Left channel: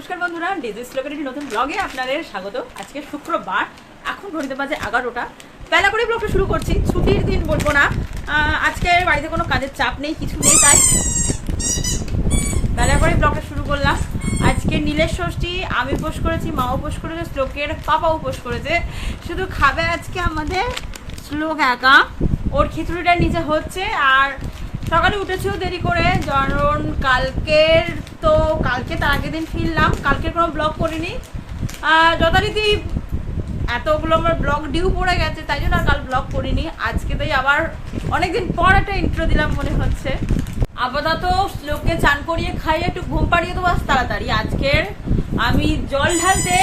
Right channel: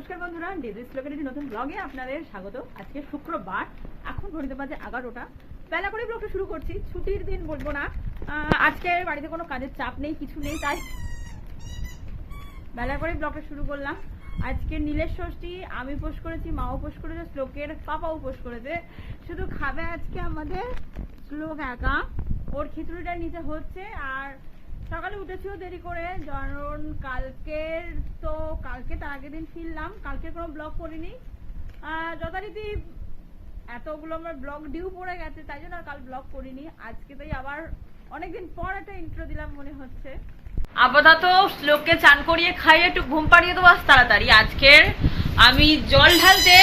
নমস্কার বন্ধুরা, ডিজি স্লোকের নতুন ব্লগে আপনাদের স্বাগত। আজকে শুক্রবার, এখন ঘড়িতে বাজে এগারোটা। বেলা করে ব্লগটা শুরু করছি, ছুটির দিন বলব না। আজকে বাড়িতে কোনো কাজের চাপ নেই, কিছু নেই, তাই বেলা করে ব্লগটা শুরু করলাম। আজকে নীলের ষষ্ঠী, আমি উপোস করেছি মা উপোস করেছে, শ্লোকের পাপা উপোস করেছে। শুধু খাবে আজকে আমাদের শ্লোক একা। ওর খিচুড়িটা নিচে হচ্ছে, আর সকালে উঠেছিও দেরি করে কারণ কালকের কালকে তার আগের দিন ফিরলাম, কালকের কোনো ব্লগ করিনি। যথারীতি এতগুলো আমার ব্লগ ডিউ পড়ে গেছে, তাই জন্য আর কাল ব্লগ করিনি। আজকে তাই আবার অনেকদিন পর একটা ইন্ট্রো দিলাম মনে হচ্ছে। আপাতত লোককে চান করিয়ে খাইয়ে একটু ঘুম পাড়িয়ে দেবো আজ তাড়াতাড়ি। আজকের আমি জল ঢালতে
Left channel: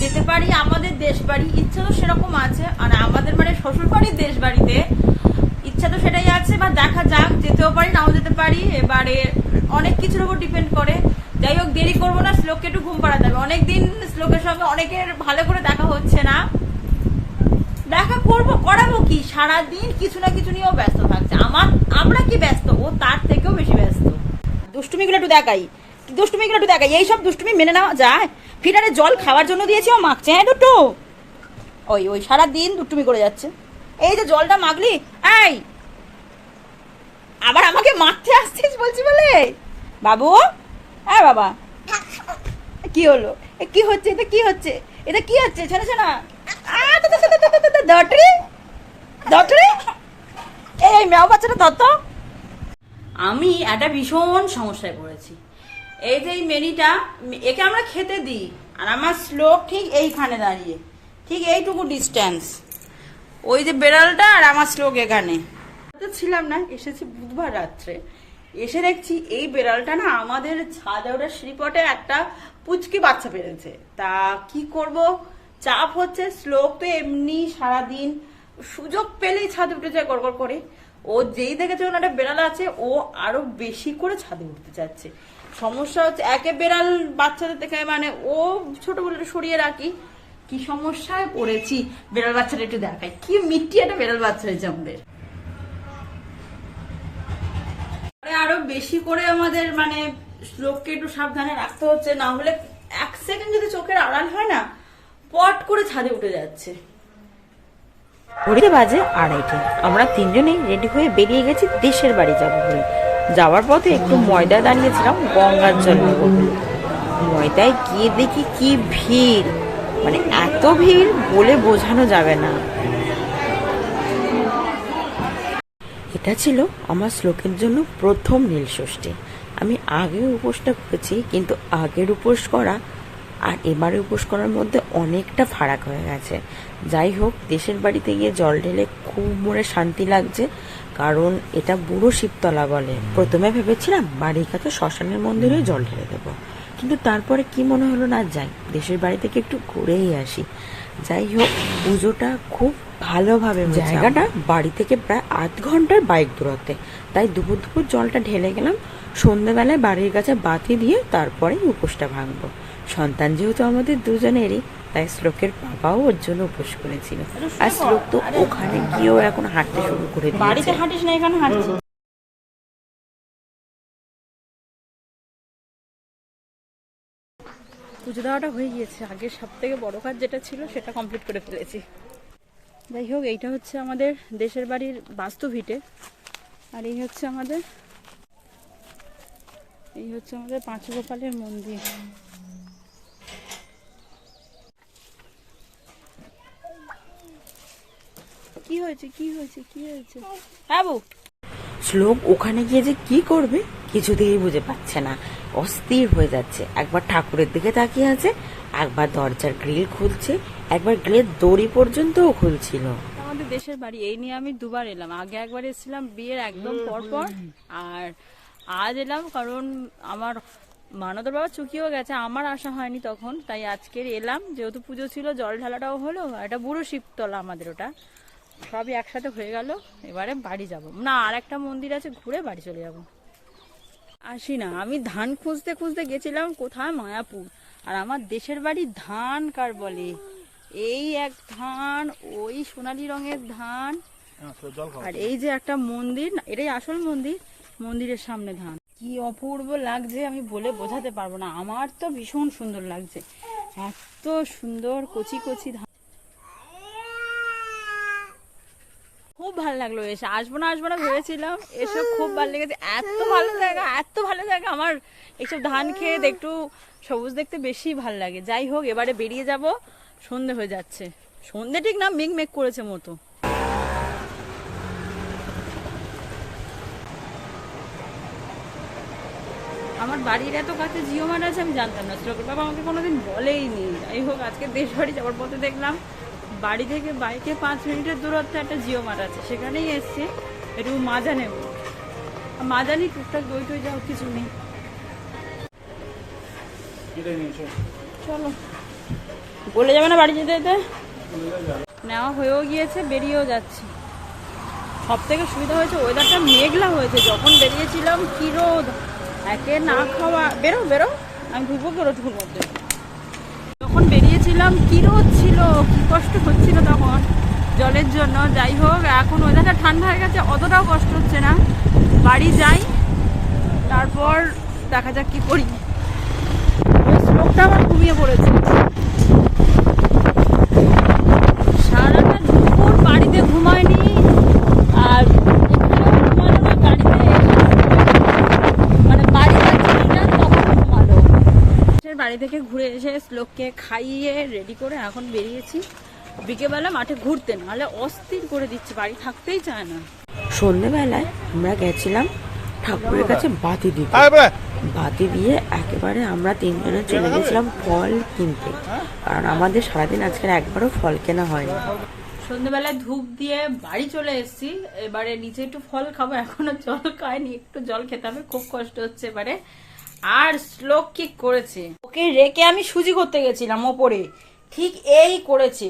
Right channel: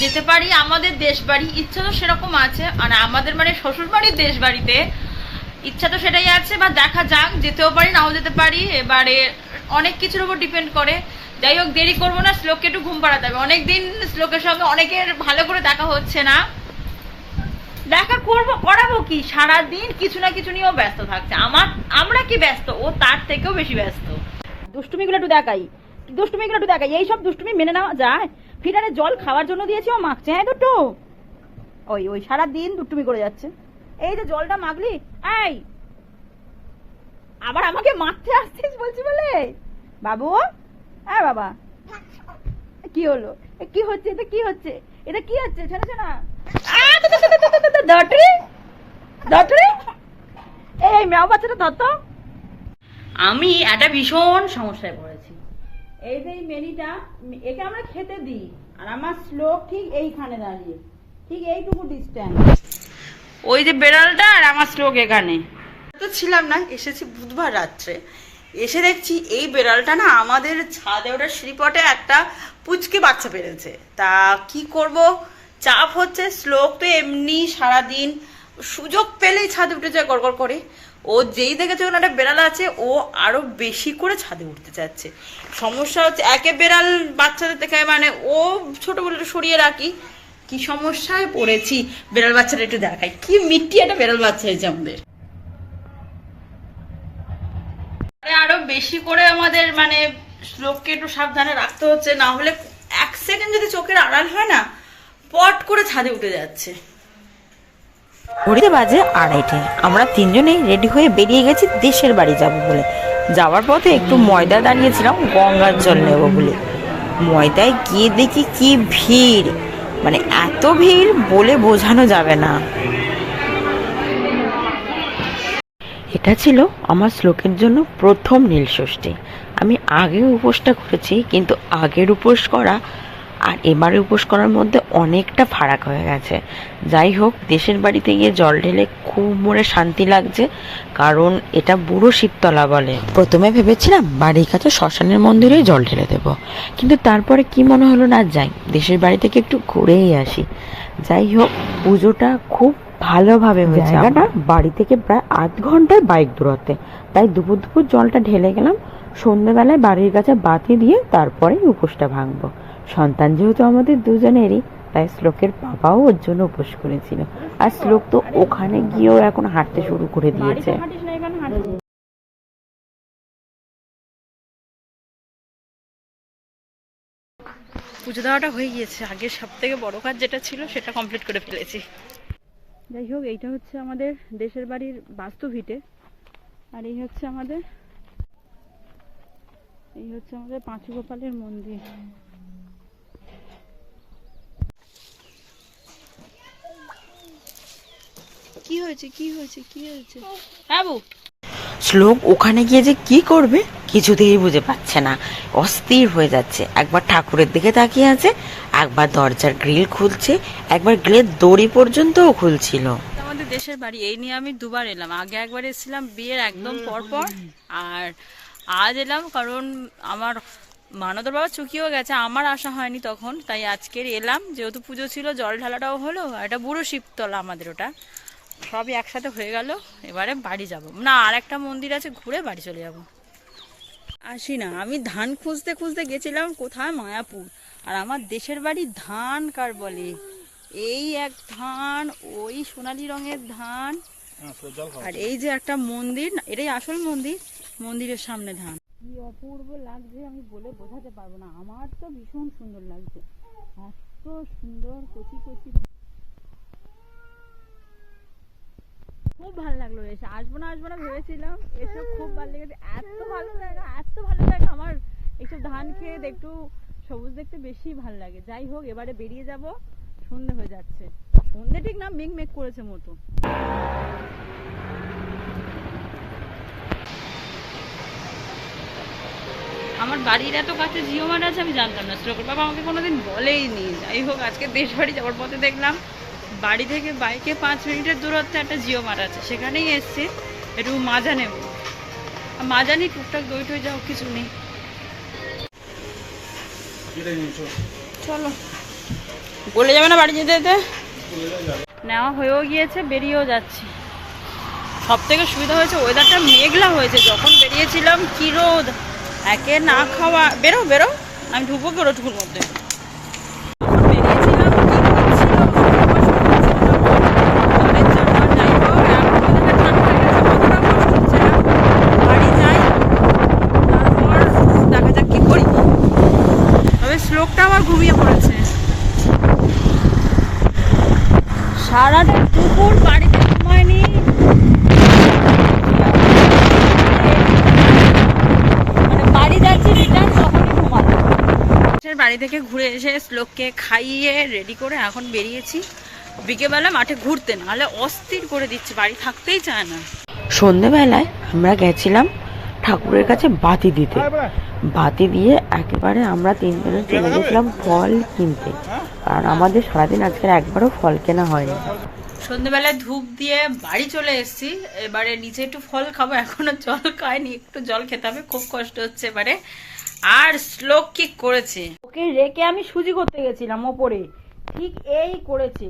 যেতে পারি আমাদের দেশ বাড়ি ইচ্ছা তো সেরকম আছে। মানে আমাদের মানে শ্বশুর বাড়ির দেশ বাড়িতে ইচ্ছা তো সেটাই আছে, বা দেখা যাক, যেতেও পারি, নাও যেতে পারি। এবারে অনেক কিছুর উপর ডিপেন্ড করে। যাই হোক, দেরি করব না, শ্লোককে একটু ঘুম পাড়াতে হবে। অনেকদিন শ্লোকের সঙ্গে অনেকের ভালো করে দেখা হচ্ছে না। দেখা করব, করাবো কি? সারাদিন কিছু না কিছু নিয়েও ব্যস্ত থাকছে। আমার, আমরা কি ব্যস্ত? ও তার থেকেও বেশি ব্যস্ত। দুষ্টুমিগুলো একটু দেখাই। দুষ্টুমিগুলো একটু দেখাই। এইসব দুষ্টুমি মেনে নেওয়া যায়? ফিটারে জল খাওয়ার জন্য দিয়েছি, ও মাখছে। হ্যাঁ দুটো ওই ওই সারা দিন দুষ্টুমি করে যাচ্ছে। এই যে জলটা মাগলি এই! আবার আমাকে মারতে আসছিস বলছি বলে? বাবু? হ্যাঁ বাবা কি হলো এ কি হচ্ছে এটা কি হচ্ছে এটা কি হচ্ছে শোনা শোনা দটরে এই মেও বাচ্চাটা ধরতো আমি একটা ভীষণ সমস্যায় পড়েছি এই যে এই মেনিটা একে আমরা খেতে দিই আর আমার শ্লোক ঠিক এইখানে দাঁড়িয়ে ঠিক এইটুকু ডিস্টেন্স ওই যে বেড়ালটা আর আমার শ্লোক এখানে তো ছিলাম না এসেছি বুধবার রাত্রে এসে দেখছি এই বেড়ালটা না আমাদের ছাদে ওটা শ্রীপটে একটা পুচকে বাচ্চা পেরেছে। তা কি করব? চাপ হচ্ছে, শ্লোক তো এমনি সারাদিন সুযোগ পেলেই ছাদে উঠে যায় গড়গড় করে। ও যেই দেখেছে ওখানে একটা বেড়াল আছে, ও আরও বেশি করে ছাদে উঠতে চাচ্ছে। সমস্যা হচ্ছে, একে বেড়াল বাচ্চাদের থেকে মানে ও ছোট বলে সরিয়ে রাখি। কি সমস্যায় পড়েছি? বেড়াল বাচ্চাটা একটু দেখাই। কি মিট্টি একটা বেড়াল বাচ্চা হয়েছে আমাদের। আরে আরও বেশি করে আমাদের মানে লোককে একটু সাবধানে রাখতে হচ্ছে, না হলে এক সেকেন্ড যদি চোখের আড়াল হয় না, পট করে ছাদে উঠে যাচ্ছে। ঘড়িতে বাজে আড়াইটে। আমরা তিনজনেই রেডি হয়ে বেরিয়ে গেছি দেশের বাড়ি যাব বলে। যাওয়ার পথে একটু ময়দা দাঁড়িয়েছিলাম, গঙ্গার জল নেব বলে। ময়দায় গিয়ে দেখি কি ভিড়। মানে এত ভিড় বলে বোঝানো যাবে না। এটা ছিল আমার শ্লোকের জন্য প্রথম নীলষষ্ঠী আমি আগে উপোসটা করেছি, কিন্তু আগের উপোস করা আর এবারে উপোস করার মধ্যে অনেকটা ফারাক হয়ে গেছে। যাই হোক, দেশের বাড়িতে গিয়ে জল ঢেলে খুব মনে শান্তি লাগছে, কারণ এটা বুড়ো শীততলা বলে। প্রথমে ভেবেছিলাম বাড়ির কাছে শ্মশানের মন্দিরে জল ঢেলে দেব, কিন্তু তারপরে কি মনে হলো না যাই, দেশের বাড়ি থেকে একটু ঘুরেই আসি। যাই হোক, পুজোটা খুব ভালোভাবে জায়গাটা বাড়ি থেকে প্রায় আধ ঘন্টায় বাইক দূরত্বে। তাই দুপুর দুপুর জলটা ঢেলে গেলাম সন্ধ্যেবেলায় বাড়ির কাছে বাতি দিয়ে তারপরে উপোসটা ভাঙবো। সন্তান যেহেতু আমাদের দুজনেরই তাই শ্লোকের বাবাও ওর জন্য উপোস করেছিল। আর শ্লোক তো ওখানে গিয়েও এখন হাঁটতে শুরু করে দিয়েছে। বাড়িতে হাঁটিস না এখানে হাঁটছি পুজো দেওয়াটা হয়ে গিয়েছে। আগের সব থেকে বড় কাজ যেটা ছিল সেটা কমপ্লিট করে ফেলেছি। যাই হোক এইটা হচ্ছে আমাদের দেশের বাড়ির বাস্তু ভিটে। আর এই হচ্ছে আমাদের এই হচ্ছে আমাদের পাঁচ গোপালের মন্দির। কি হয়েছে? কি হয়েছে? কি হয়েছে? হ্যাঁ শ্লোক ওখানে গিয়ে যে কি করবে কিছুতেই বুঝে পাচ্ছে না। অস্থির হয়ে যাচ্ছে। একবার ঠাকুরের দিকে তাকিয়ে আছে একবার দরজার গ্রিল খুলছে, একবার গ্রিলের দড়ি পর্যন্তও খুলছিল। আমাদের দেশের বাড়ি, এই নিয়ে আমি দুবার এলাম। আগে একবার এসেছিলাম বিয়ের একদম পরপর, আর আজ এলাম কারণ আমার মানদর বাবা চুকিও গেছে, আমার আশা হয়নি তখন, তাই আজকের এলাম। যেহেতু পুজো ছিল, জল ঢালাটাও হলো একটা বুড়ো শিবতলা আমাদের ওটা। সবই একসাথে হয়ে গেল, এবারে বাড়ি যাব। না আর একটা মন্দির আছে, ঘুরে বাড়ি চলে যাব। আসি না। আমি ধান খুঁজতে খুঁজতে গেছিলাম কোথায়? মায়াপুর। আর আমার দেশের বাড়ি ধান কার বলে? এই এক ধান ওই সোনালী রঙের ধান। আর এই যে একটা মন্দির না, এটাই আসল মন্দির মন্দিরের সামনে ধান। কি অপূর্ব লাগছে আমি বলে বোঝাতে পারব না। আমার তো ভীষণ সুন্দর লাগছে। এত সুন্দর কচি কচি ধান। খুব ভালো লাগল এসে। আসব না আসব না ভেবেছিলাম। এসে খুব ভালো লেগেছে। এত ভালো জায়গা এত ভালো জায়গা। আমার এইসব ধান খেয়ে একটু সবুজ দেখতে বেশি ভালো লাগে। যাই হোক এবারে বেরিয়ে যাব। সন্ধে হয়ে যাচ্ছে। সন্ধে ঠিক না মেঘ মেঘ করেছে মতো আমার বাড়ির এত কাছে জিও মার্ট আছে আমি জানতাম না। শ্লোকের বাবা আমাকে কোনোদিন বলেই নি যাই হোক আজকে দেশ বাড়ি যাওয়ার পথে দেখলাম বাড়ি থেকে বাইকে পাঁচ মিনিটের দূরত্বে একটা জিও মার্ট আছে। সেখানেই এসছে। একটু মাজা নেব মাজা নিই টুকটাক দই টই যাও, কিছু নেই। চলো। বলে যাবে না বাড়ি যেতে যেতে? নেওয়া হয়েও গিয়েছে, বেরিয়েও যাচ্ছি। সব থেকে সুবিধা হয়েছে ওয়েদারটা মেঘলা হয়েছে। যখন বেরিয়েছিলাম, কি রোদ? একে না খাওয়া। বেরো বেরো। আমি ঢুকবো কি ওটুকুর মধ্যে যখন বেরিয়েছিলাম কি রোদ ছিল কি কষ্ট হচ্ছিল তখন জলের জন্য যাই হোক এখন ওয়েদারটা ঠান্ডা হয়ে গেছে অতটাও কষ্ট হচ্ছে না বাড়ি যাই তারপর দেখা যাক কি করি তবে শ্লোকটা আমার ঘুমিয়ে পড়েছে সারাটা দুপুর বাড়িতে ঘুমায়নি। মানে বাড়ি যাচ্ছি রিটার্ন তখন ঘুমাবো বাড়ি থেকে ঘুরে এসে শ্লোককে খাইয়ে রেডি করে এখন বেরিয়েছি। বিকেলবেলা মাঠে ঘুরতে নাহলে অস্থির করে দিচ্ছে বাড়ি থাকতেই চায় না। সন্ধেবেলায় আমরা গেছিলাম ঠাকুরের কাছে বাতি দিতে। বাতি দিয়ে একেবারে আমরা তিনজনে চলে গেছিলাম ফল কিনতে। কারণ আমাদের সারাদিন আজকের একবারও ফল কেনা হয়নি। সন্ধ্যেবেলায় ধূপ দিয়ে বাড়ি চলে এসেছি। এবারে নিচে একটু ফল খাব। এখনও জল খায়নি একটু জল খেতে হবে। খুব কষ্ট হচ্ছে এবারে। আর শ্লোক কি করেছে? ওকে রেখে আমি সুজি করতে গেছিলাম ওপরে। ঠিক এই করেছে।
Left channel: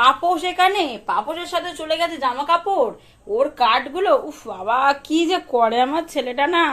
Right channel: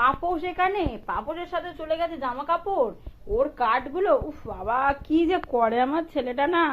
পাপোশ এখানে? পাপোশের সাথে চলে গেছে জামা কাপড় ওর কাঠগুলো উফ বাবা, কি যে করে আমার ছেলেটা না?